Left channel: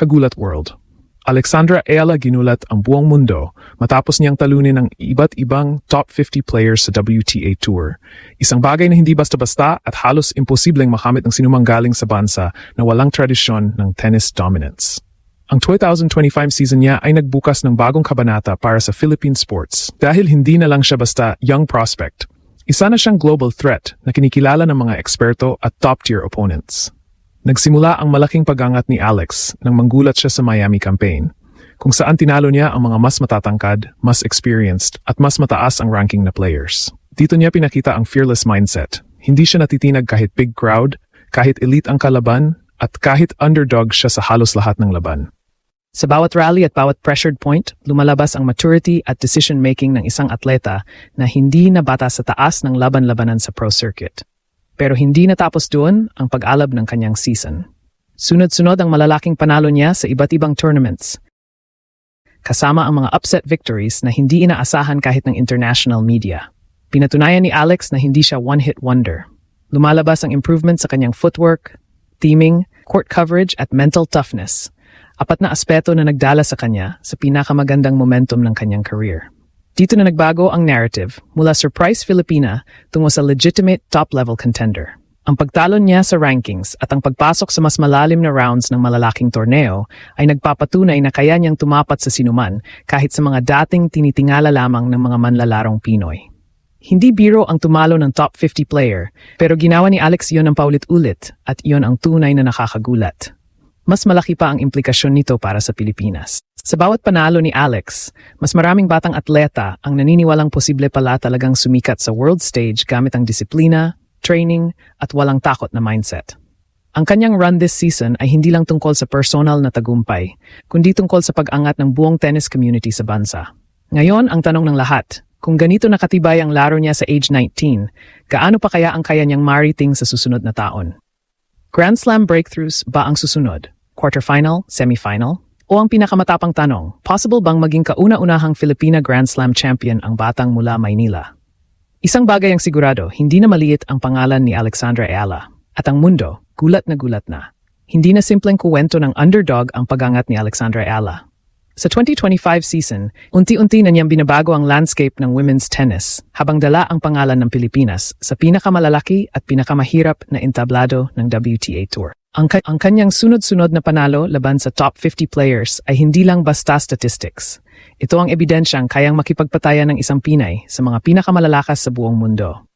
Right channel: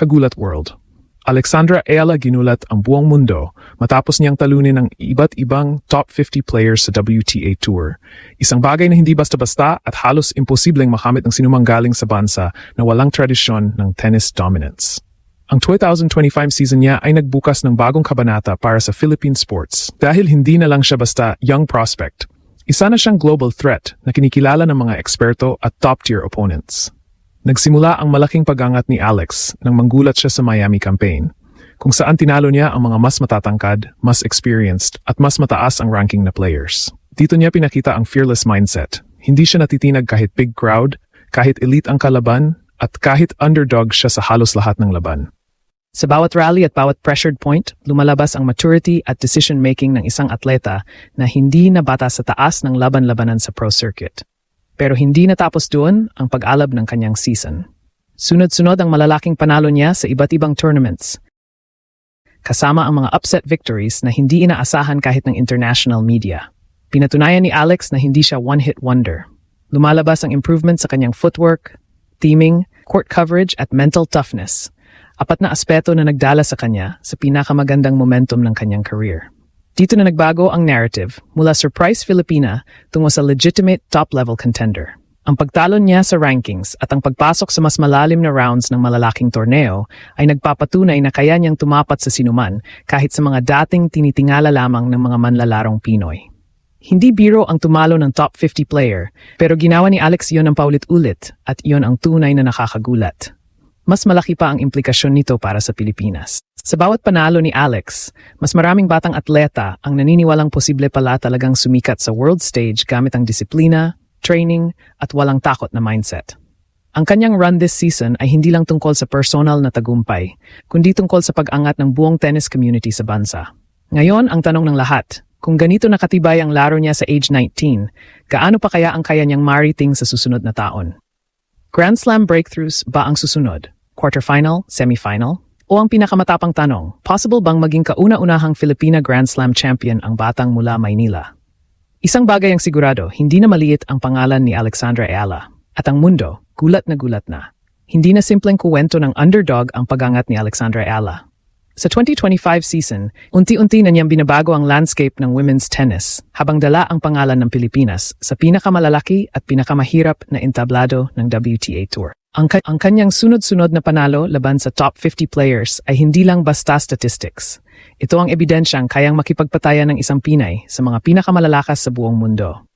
Kagulat World. Alexandra Ayala ginulat ang buong mundo matapos niyang talunin ng iba't ibang top 50 players sa WTA Tour. Isang bagay na hindi basta-basta at halos imposibleng makamit ng sinumang galing sa bansa na walang tradisyon ng tennis dominance. Ang 2025 season niya ay nagbukas ng bagong kabanata para sa Philippine sports dahil hindi na lang siya basta young prospect. Isa na siyang global threat na kinikilala ng mga eksperto at top-tier opponents. Nagsimula ang malaking pagangat ni Alex nang manggulat siya sa Miami campaign, kung saan tinalo niya ang mga mas matatangkad, mas experienced, at mas mataas ang ranking na players. Dito niya pinakita ang fearless mindset. Hindi siya natitinag kahit big crowd, kahit elite ang kalaban, at kahit underdog siya sa halos lahat ng laban. Sa bawat rally at bawat pressured point, lumalabas ang maturity at decision-making ng isang atleta na hindi nabata sa taas ng laban-labanan sa pro circuit. Pero hindi natapos doon ang pag-alab ng kanyang season. Sunod-sunod ang malalaking panalo niya sa iba't ibang tournaments. Kasama ang mga upset victories na hindi inaasahan kahit ng international media. Pinatunayan ni Alex na hindi siya one-hit wonder. Lumalabas ang improvement sa kanyang footwork, teaming, court coverage at mental toughness. Apat na aspeto na nagdala sa kanya sa pinakamagandang momentum ng kanyang career. Dito na nagbago ang narrative mula surprise Filipina tungo sa legitimate top-level contender. Ang pagtalon niya sa rankings at ang pagpasok sa mas malalim na rounds ng malalaking torneo ay nagpapatunay na kaya niyang tumapat sa sinuman kahit sa mga dating tinitingala lamang ng mga manlalarong Pinoy. Hindi biro ang tumalo ng top 50 player, pero ginawa ni Alex iyon ng paulit-ulit at iyon ang tunay na nakakagulat. Mas malaki pa ang implikasyon nito para sa Pilipinas. Sa bawat panalo ni Alex, mas maraming batang atleta ang naniniwalang posible pala talagang sumikat sa world stage gamit ang disiplina, training, at walang takot na mindset. Ang kanyang run this season ay hindi lang tungkol sa personal na tagumpay, kundi tungkol sa pag-angat ng buong tennis community sa bansa. Ngayon, ang tanong ng lahat, kung ganito nakatibay ang laro niya sa age 19, gaano pa kaya ang kaya niyang mariting sa susunod na taon? Grand Slam breakthroughs ba ang susunod? Quarterfinal, semifinal? O ang pinakamatapang tanong, possible bang maging kauna-unahang Filipina Grand Slam champion ang batang mula Maynila? Isang bagay ang sigurado, hindi na maliit ang pangalan ni Alexandra Ayala. At ang mundo, gulat na gulat na. Hindi na simpleng kuwento ng underdog ang pagangat ni Alexandra Ayala. Sa 2025 season, unti-unti na niyang binabago ang landscape ng women's tennis habang dala ang pangalan ng Pilipinas sa pinakamalalaki at pinakamahirap na entablado ng WTA Tour. Ang kanyang sunod-sunod na panalo laban sa top 50 players ay hindi lang basta statistics. Ito ang ebidensyang kayang makipagpatayan ng isang Pinay sa mga pinakamalalakas sa buong mundo.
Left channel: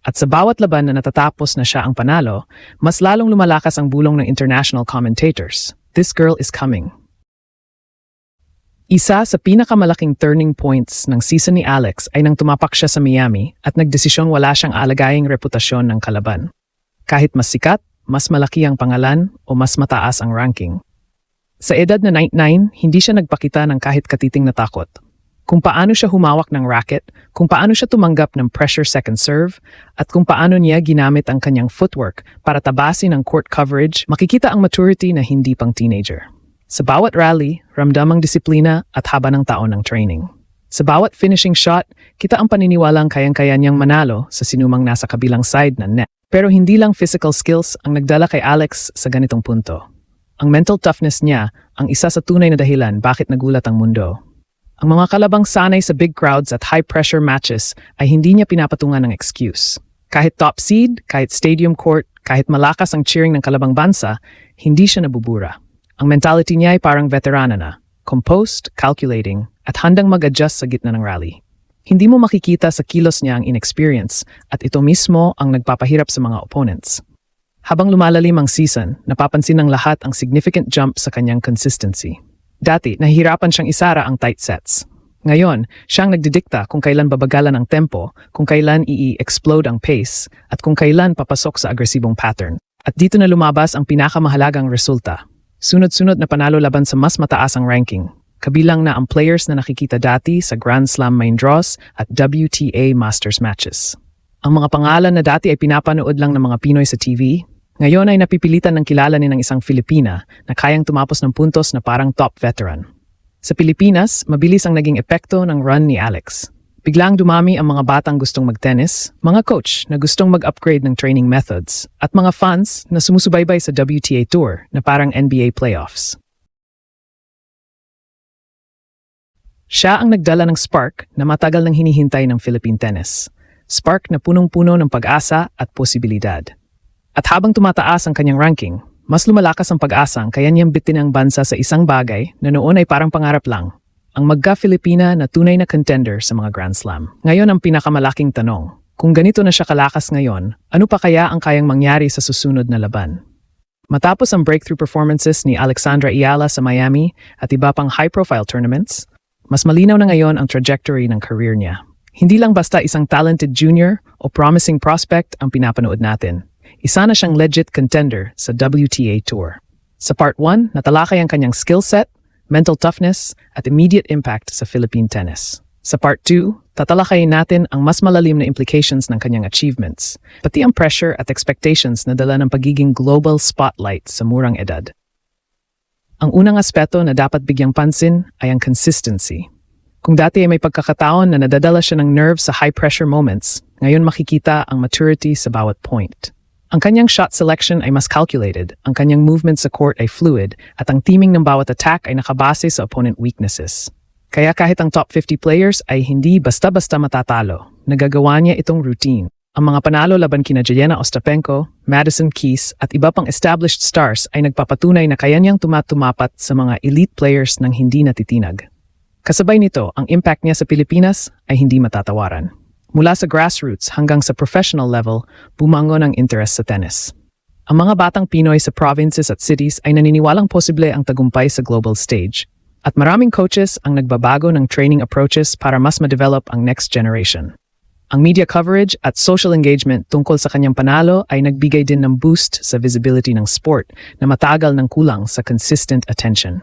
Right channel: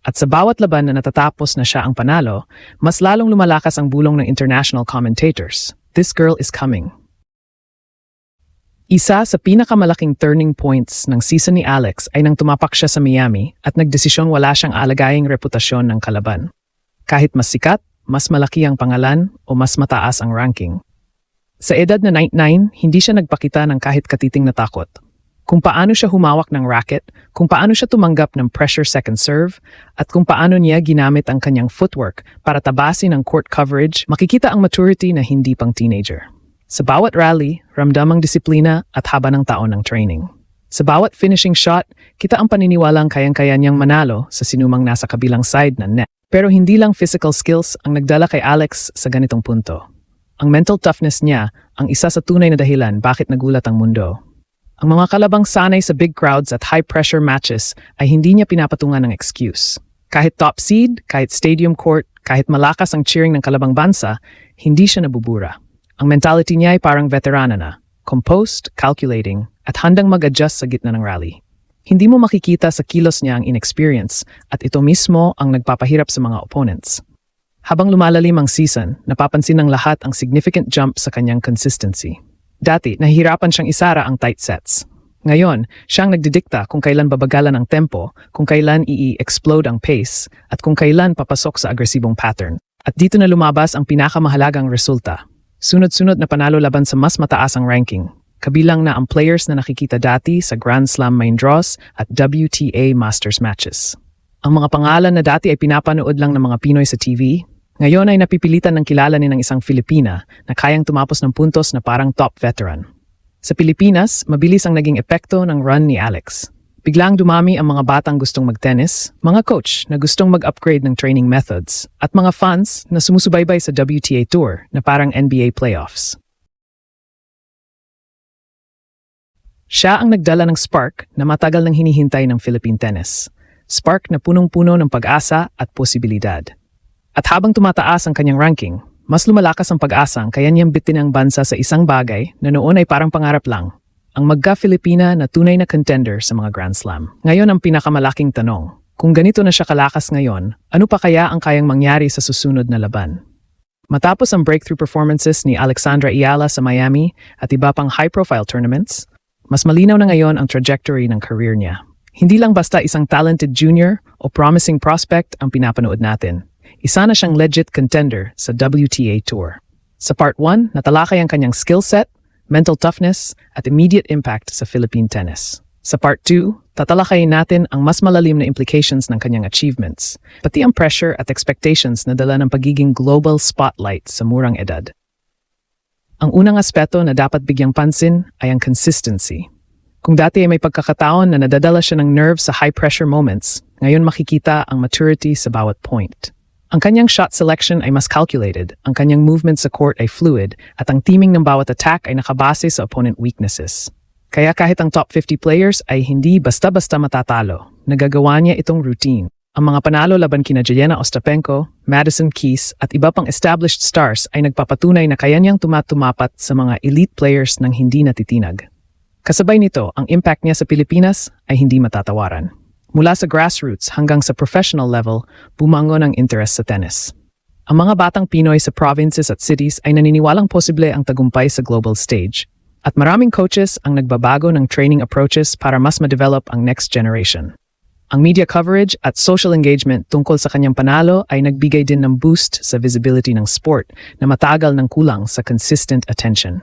At sa bawat laban na natatapos na siya ang panalo, mas lalong lumalakas ang bulong ng international commentators. This girl is coming. Isa sa pinakamalaking turning points ng season ni Alex ay nang tumapak siya sa Miami at nagdesisyong wala siyang alagaying reputasyon ng kalaban. Kahit mas sikat, mas malaki ang pangalan o mas mataas ang ranking. Sa edad na 99, hindi siya nagpakita ng kahit katiting na takot. Kung paano siya humawak ng racket, kung paano siya tumanggap ng pressure second serve, at kung paano niya ginamit ang kanyang footwork para tabasin ang court coverage, makikita ang maturity na hindi pang teenager. Sa bawat rally, ramdam ang disiplina at haba ng taon ng training. Sa bawat finishing shot, kita ang paniniwalang kayang-kaya niyang manalo sa sinumang nasa kabilang side ng net. Pero hindi lang physical skills ang nagdala kay Alex sa ganitong punto. Ang mental toughness niya ang isa sa tunay na dahilan bakit nagulat ang mundo. Ang mga kalabang sanay sa big crowds at high-pressure matches ay hindi niya pinapatungan ng excuse. Kahit top seed, kahit stadium court, kahit malakas ang cheering ng kalabang bansa, hindi siya nabubura. Ang mentality niya ay parang veterana na, composed, calculating, at handang mag-adjust sa gitna ng rally. Hindi mo makikita sa kilos niya ang inexperience at ito mismo ang nagpapahirap sa mga opponents. Habang lumalalim ang season, napapansin ng lahat ang significant jump sa kanyang consistency. Dati, nahihirapan siyang isara ang tight sets. Ngayon, siyang nagdidikta kung kailan babagalan ang tempo, kung kailan i-explode ang pace, at kung kailan papasok sa agresibong pattern. At dito na lumabas ang pinakamahalagang resulta. Sunod-sunod na panalo laban sa mas mataas ang ranking. Kabilang na ang players na nakikita dati sa Grand Slam main draws at WTA Masters matches. Ang mga pangalan na dati ay pinapanood lang ng mga Pinoy sa TV, ngayon ay napipilitan ng kilalanin ng isang Filipina na kayang tumapos ng puntos na parang top veteran. Sa Pilipinas, mabilis ang naging epekto ng run ni Alex. Biglang dumami ang mga batang gustong mag-tennis, mga coach na gustong mag-upgrade ng training methods, at mga fans na sumusubaybay sa WTA Tour na parang NBA playoffs. Siya ang nagdala ng spark na matagal nang hinihintay ng Philippine tennis. Spark na punong-puno ng pag-asa at posibilidad. At habang tumataas ang kanyang ranking, mas lumalakas ang pag-asang kaya niyang bitin ang bansa sa isang bagay na noon ay parang pangarap lang. Ang magka-Filipina na tunay na contender sa mga Grand Slam. Ngayon ang pinakamalaking tanong, kung ganito na siya kalakas ngayon, ano pa kaya ang kayang mangyari sa susunod na laban? Matapos ang breakthrough performances ni Alexandra Ayala sa Miami at iba pang high-profile tournaments, mas malinaw na ngayon ang trajectory ng career niya. Hindi lang basta isang talented junior o promising prospect ang pinapanood natin. Isa na siyang legit contender sa WTA Tour. Sa Part 1, natalakay ang kanyang skill set, mental toughness, at immediate impact sa Philippine tennis. Sa Part 2, tatalakayin natin ang mas malalim na implications ng kanyang achievements, pati ang pressure at expectations na dala ng pagiging global spotlight sa murang edad. Ang unang aspeto na dapat bigyang pansin ay ang consistency. Kung dati ay may pagkakataon na nadadala siya ng nerves sa high-pressure moments, ngayon makikita ang maturity sa bawat point. Ang kanyang shot selection ay mas calculated, ang kanyang movement sa court ay fluid, at ang teaming ng bawat attack ay nakabase sa opponent weaknesses. Kaya kahit ang top 50 players ay hindi basta-basta matatalo, nagagawa niya itong routine. Ang mga panalo laban kina Jelena Ostapenko, Madison Keys at iba pang established stars ay nagpapatunay na kaya niyang tumapat sa mga elite players nang hindi natitinag. Kasabay nito, ang impact niya sa Pilipinas ay hindi matatawaran. Mula sa grassroots hanggang sa professional level, bumangon ang interest sa tennis. Ang mga batang Pinoy sa provinces at cities ay naniniwalang posible ang tagumpay sa global stage. At maraming coaches ang nagbabago ng training approaches para mas ma-develop ang next generation. Ang media coverage at social engagement tungkol sa kanyang panalo ay nagbigay din ng boost sa visibility ng sport na matagal nang kulang sa consistent attention.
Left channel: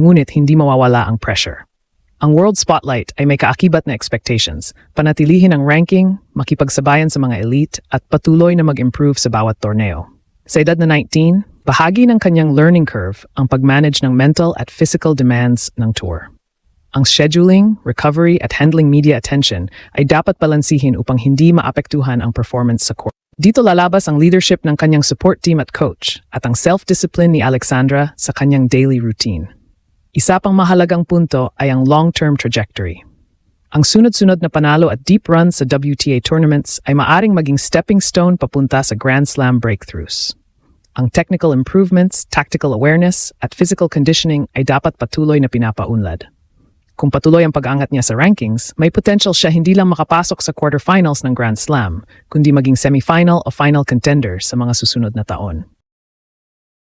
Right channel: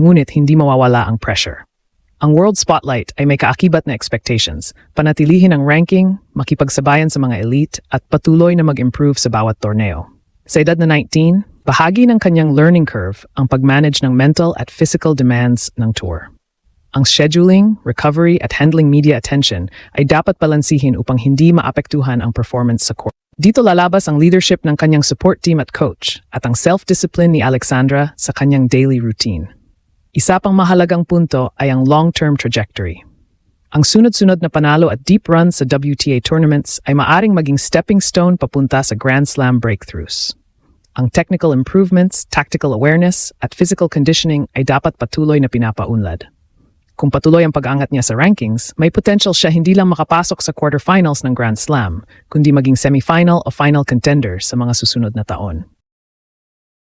Ngunit hindi mawawala ang pressure. Ang world spotlight ay may kaakibat na expectations, panatilihin ang ranking, makipagsabayan sa mga elite, at patuloy na mag-improve sa bawat torneo. Sa edad na 19, bahagi ng kanyang learning curve ang pag-manage ng mental at physical demands ng tour. Ang scheduling, recovery, at handling media attention ay dapat balansihin upang hindi maapektuhan ang performance sa court. Dito lalabas ang leadership ng kanyang support team at coach, at ang self-discipline ni Alexandra sa kanyang daily routine. Isa pang mahalagang punto ay ang long-term trajectory. Ang sunod-sunod na panalo at deep runs sa WTA tournaments ay maaring maging stepping stone papunta sa Grand Slam breakthroughs. Ang technical improvements, tactical awareness, at physical conditioning ay dapat patuloy na pinapaunlad. Kung patuloy ang pag-angat niya sa rankings, may potential siya hindi lang makapasok sa quarterfinals ng Grand Slam, kundi maging semifinal o final contender sa mga susunod na taon.